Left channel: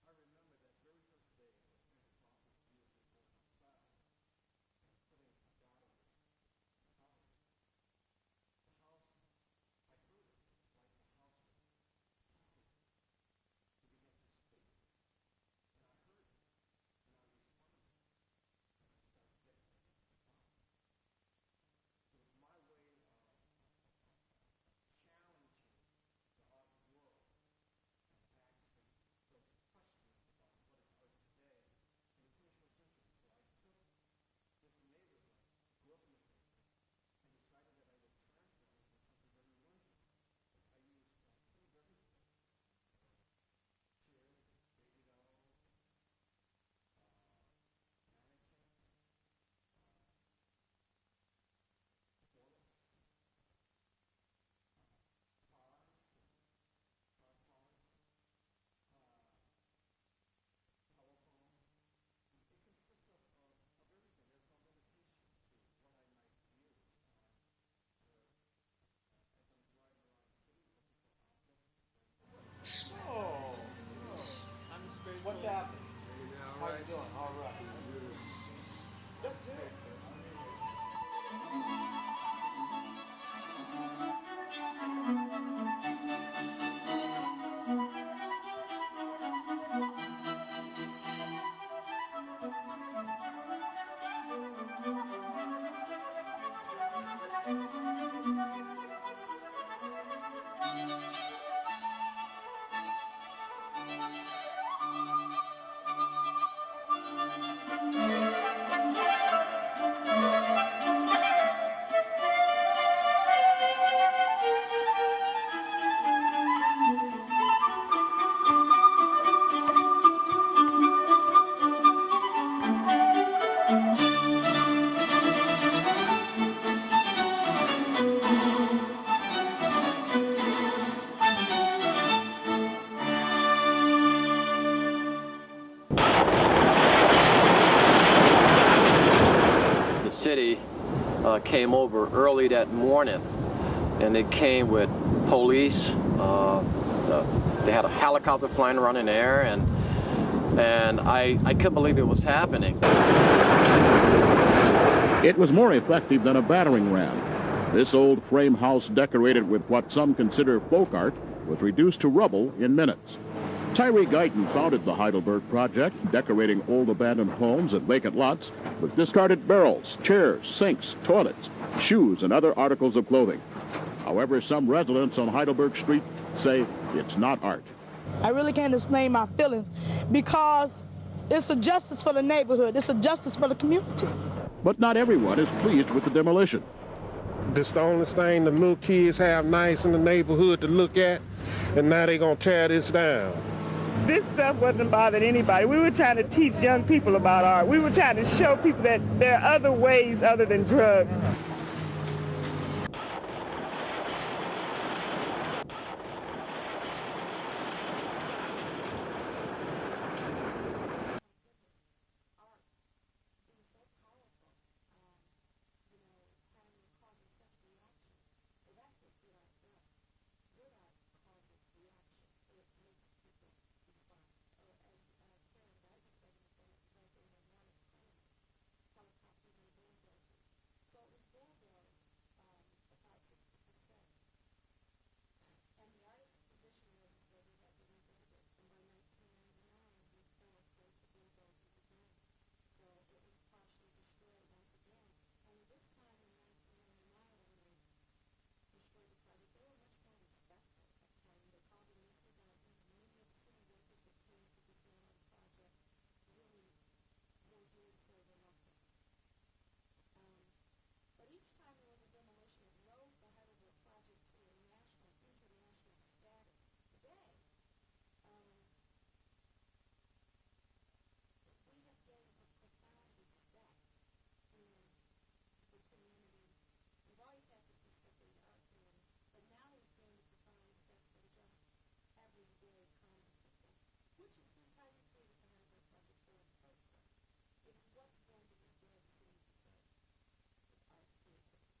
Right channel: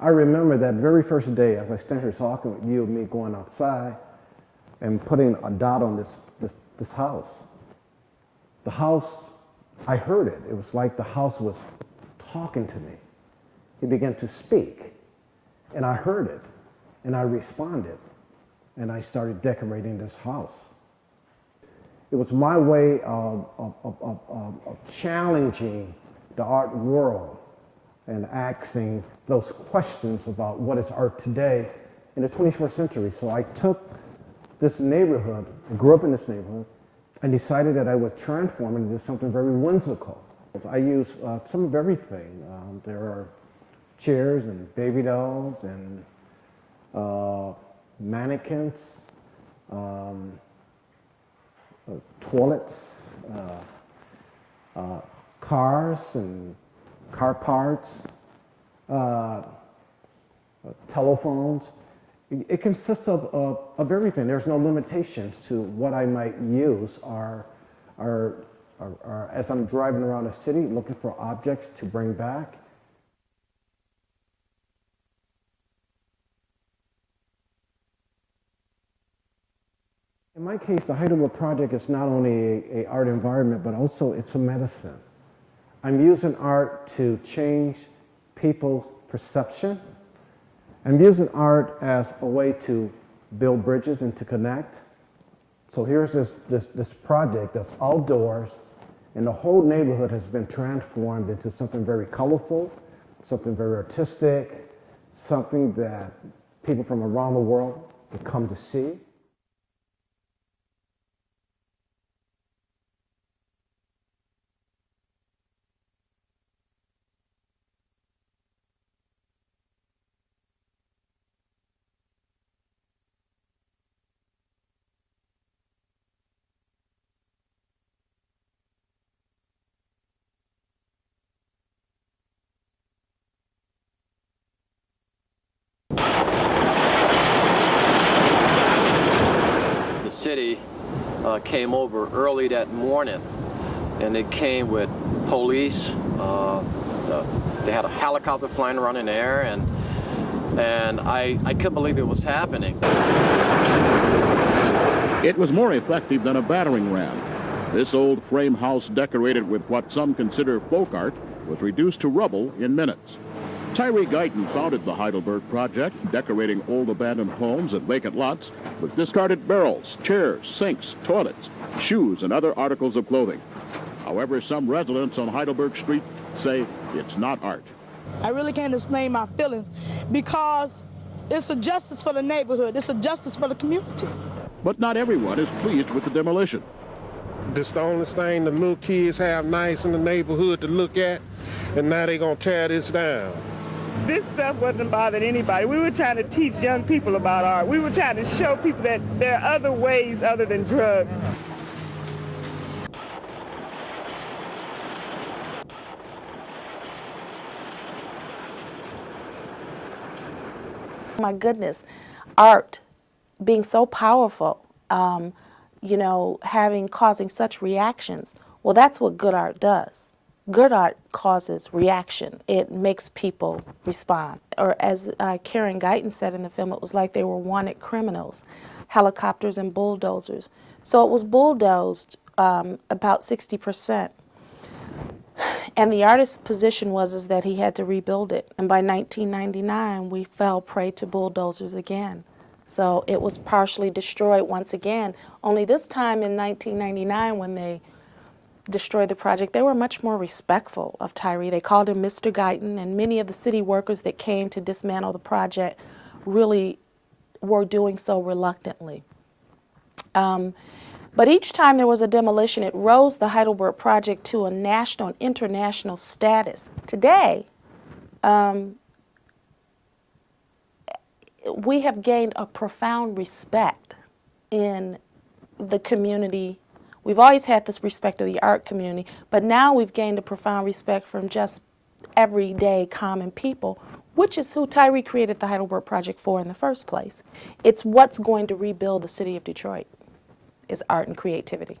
I remember that very first day as I stand here talking with you and me going outside and putting a dot on this house. The house, I heard it. It was like the house was talking to me. He began to speak, and I heard it, and I responded, and I started decorating this house. It was my way of challenging the art world and asking those questions about what is art today in the 21st century. So I took this neighborhood, I grew up in this neighborhood, and decided that I would transform it into something very whimsical. I use some of everything. There are chairs and baby dolls and mannequins, toilets, cars and car parts, telephones. It consists of everything. There's no limitations to what I might use as I'm driving around the city looking for objects to bring back. In my case, the Heidelberg Project is not only an art environment, but also it's a medicine. I'm using art to change people's perception. I'm using art as a way to build bridges and to connect. So here's this project that's outdoors, and the whole neighborhood has been transformed into something very colorful, something very artistic, something that people from around the world have come to see. City came over early that morning, and they came with police. They had a helicopter flying around in the air, and I couldn't believe it was happening. It was more effective than a battering ram. This old frame house, decorated with what some consider folk art, was reduced to rubble in minutes. Tyree Guyton founded the Heidelberg Project, decorating old abandoned homes and vacant lots with discarded barrels, chairs, sinks, toilets, shoes, and other articles of clothing. However, some residents on Heidelberg Street say it's not art. I really can't explain my feelings because it's a justice for the neighborhood. It's a justice for the community. But not everyone is pleased with the demolition. This is the only thing the little kids have nice in the neighborhood to look at, and now they're going to tear this down. This stuff wasn't bothering anybody. We were trying to teach young people about art. We were trying to show people that there are other ways other than drugs. My goodness, art being so powerful, causing such reactions. Well, that's what good art does. Good art causes reaction. It makes people respond. Or as Karen Guyton said in the film, it was like they were wanted criminals, helicopters and bulldozers. So it was bulldozed about 60%. And the artist's position was that he had to rebuild it. And by 1999, we fell prey to bulldozers again. So it was partially destroyed once again. Only this time in 1999, when they destroyed the project, they were much more respectful of Tyree. They called him Mr. Guyton, and many of the city workers that came to dismantle the project really were doing so reluctantly. But each time there was a demolition, it rose the Heidelberg Project to a national and international status. Today, we have gained a profound respect in the community. We've always had this respect of the art community, but now we've gained a profound respect from just everyday common people, which is who Tyree created the Heidelberg Project for in the first place. It's what's going to rebuild the city of Detroit, is art and creativity.